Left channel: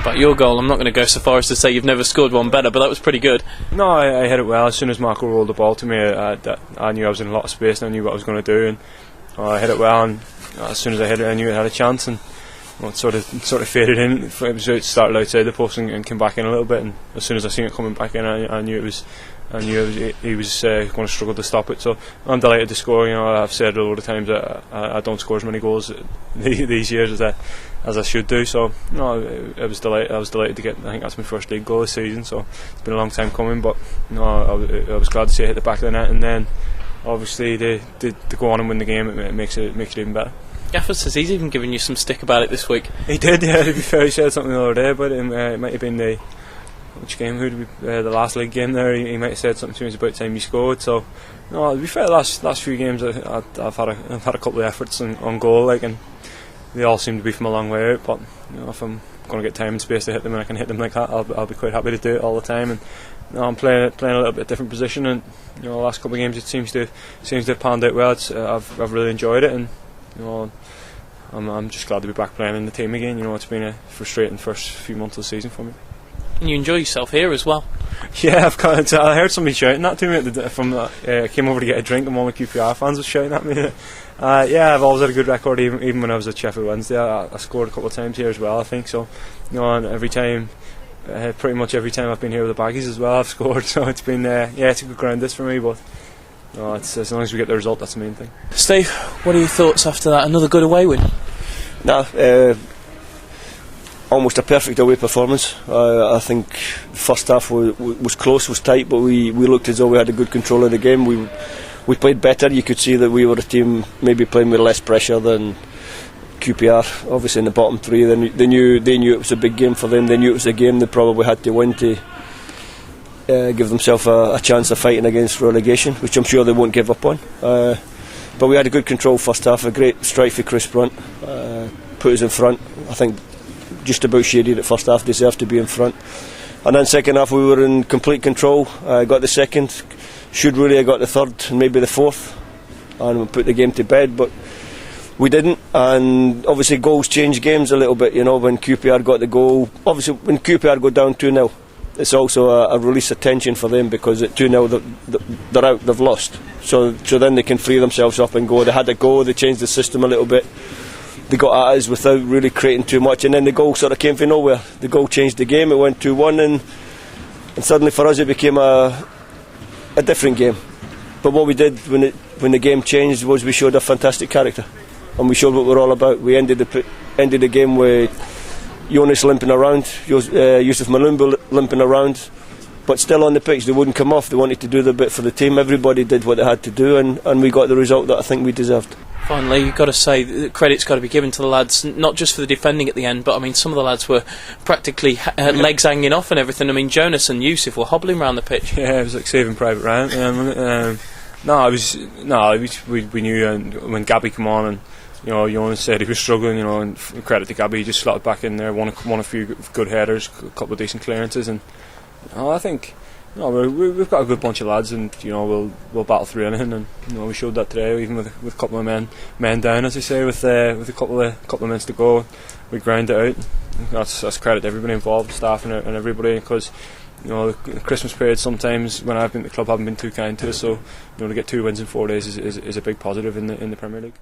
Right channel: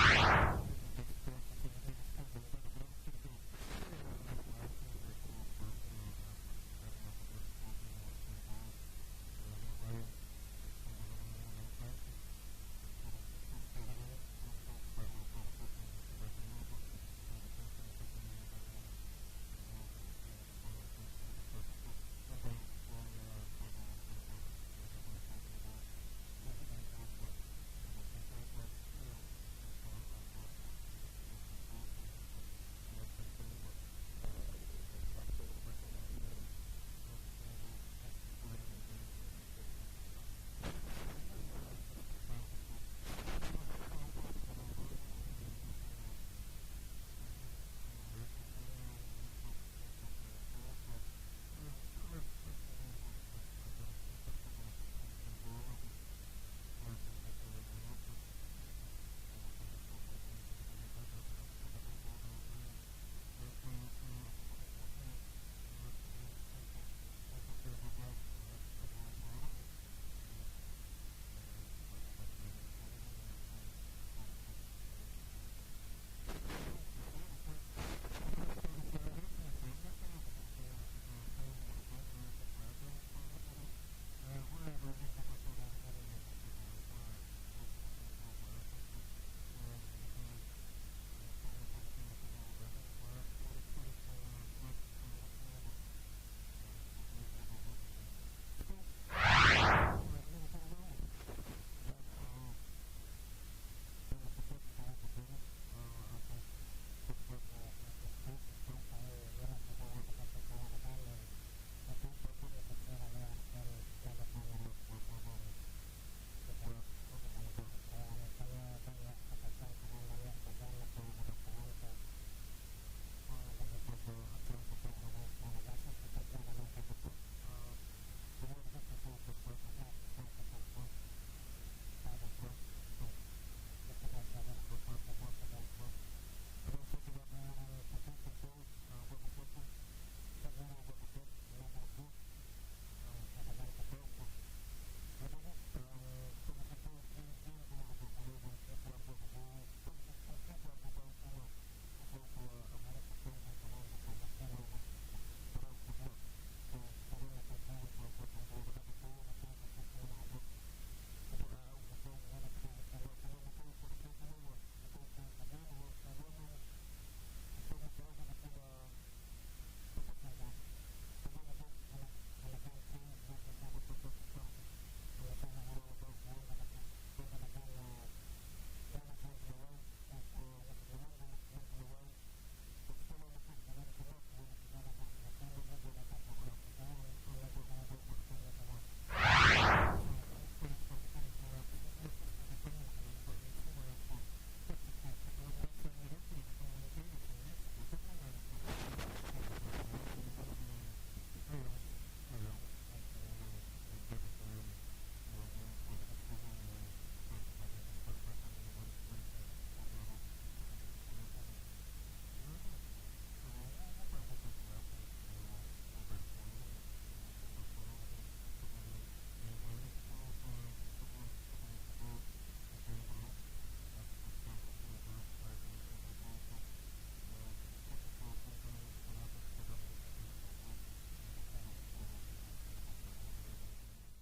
How about your goal? I'm not going to go so far as to say you've never scored one better, but that was pretty good. No, I hit it well. As soon as Marco rolled the ball to me, I knew I was in a lot of space and I knew what I was going to do, and I hit it well, and as soon as I hit it I knew it had a chance, and it sort of faded in. It started outside the post and came back in a little bit, and as soon as I seen it coming back in, I knew he was going to struggle to stop it. So I'm delighted to score. I've said a lot of times that I don't score as many goals these years as I should do. So I was delighted to get. I think that's my first league goal this season. So it's been a long time coming, but I was glad to see it hit the back of the net, and then obviously to go on and win the game, it makes it even better. Gaffer says he's even given you some stick about it this week. He did, yeah. To be fair, he said something the other day, but it might have been which game? The last league game there. He might have said something to me. It's about time you scored. So, no, to be fair, the last few games I've had a couple of efforts on goal, and they all seem to be from a long way out. But if I'm going to get time and space to hit them, and I can hit them like that, I'll be quite happy to do it all the time. And I'm playing a little bit different position, and the last couple of games it seems to have panned out well. I've really enjoyed it, and I'm just glad to be back playing in the team again. It's been a frustrating first few months of the season for me. And you enjoy yourself here as well. Yeah, I heard somebody shouting that to me I came over to get a drink, and one of the QPR fans was shouting at me. Yeah, I've always had a good record, even when I was at Sheffield Wednesday. I scored a couple of times here as well, I think. So, and pretty much every time I've been here with the Baggies as well, I've scored. So it's been it's a good ground this for me, but it's, as long as we get the result, that's the main thing. Steve, what are your thoughts after that? Another good away win? Almost a perfect away performance. I think the first half was close, was tight, but we looked as though we had a good control of the game. We played better. You could see that we were a team maybe playing with less pressure than QPR. Obviously in the bottom three, they knew it was a big game for them. They knew it was a game they probably had to win to give themselves a chance of fighting against relegation, which I'm sure they won't give up on. But we had a good control first half. A great strike for Chris Brunt, put us in front. I think just about shaded at first half, deserved to be in front, and then second half we were in complete control. Got the second, should really have got the third and maybe the fourth, and we put the game to bed, but we didn't. And obviously goals change games a little bit, when QPR got the goal. Obviously when QPR go down 2-0, it's also a release of tension for them, because at 2-0 they're out, they've lost, so then they can free themselves up and go. They had a go, they changed the system a little bit, they got at us without really creating too much, and then the goal sort of came from nowhere. The goal changed the game. It went 2-1, and suddenly for us it became a different game. But what we did when the game changed was we showed a fantastic character, and we showed what we're all about. We ended the game with Jonas limping around, Yusuf Malumbu limping around, but still on the pitch. They wouldn't come off. They wanted to do the bit for the team. Everybody did what they had to do, and we got the result that I think we deserved. Finally, you've got to say that credit's got to be given to the lads, not just for the defending at the end, but some of the lads were practically legs hanging off and everything. Jonas and Yusuf were hobbling around the pitch. Yeah, it was like Saving Private Ryan. We knew when Gabby came on, and Jonas said he was struggling. And credit to Gabby, he just slotted back in there, won a few good headers, a couple of decent clearances, and I think. We've got a good bunch of lads, and we'll battle through anything, and we showed that today, even with a couple of men down, as I say, with a couple of minutes to go, we ground it out. That's credit to everybody involved, staff and everybody, because the Christmas period sometimes when I've been at the club haven't been too kind to us, so to get 2 wins in 4 days is a big positive in the Premier League.